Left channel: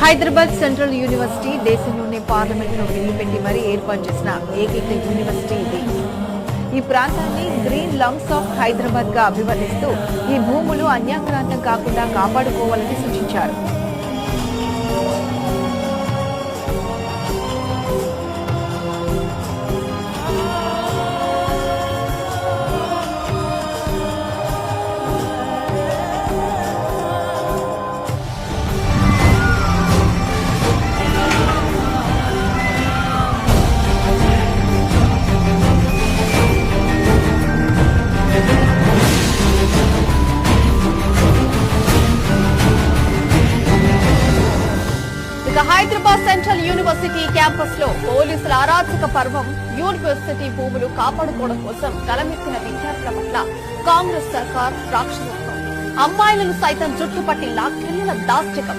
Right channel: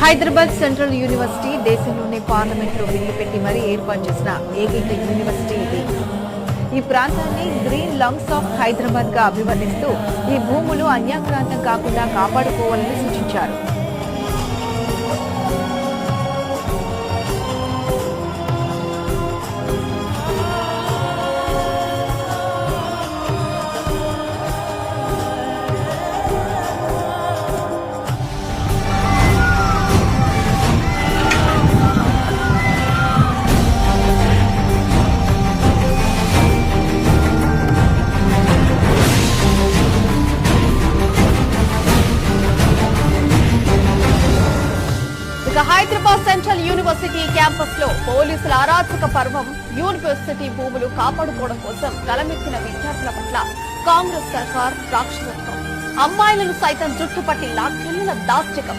Hyderabad central university దేశంలోనే పార్లమెంట్లో bill పెట్టి మరీ ఏర్పాటు చేసిన ఏకైక యూనివర్సిటీ ఇది. ఈ ప్రాంతాన్ని గ్రీన్ లంగ్స్ ఆఫ్ హైదరాబాద్ గా అభివర్ణిస్తూ ఈ భూములు అన్యాక్రాంతం కాకుండా కాపాడుకోవాలని సూచించారు. హైదరాబాద్ సెంట్రల్ యూనివర్సిటీ క్యాంపస్ లో పోలీసుల అరాచక పర్వం. యూనివర్సిటీ భూములు కాపాడుకోవడం కోసం గలమెత్తిన విద్యార్థుల పట్ల కాంగ్రెస్ సర్కార్ రాక్షసత్వం. అమ్మాయిలను సైతం జుట్టుపట్టి లాక్కెళ్లిన దాష్టికం.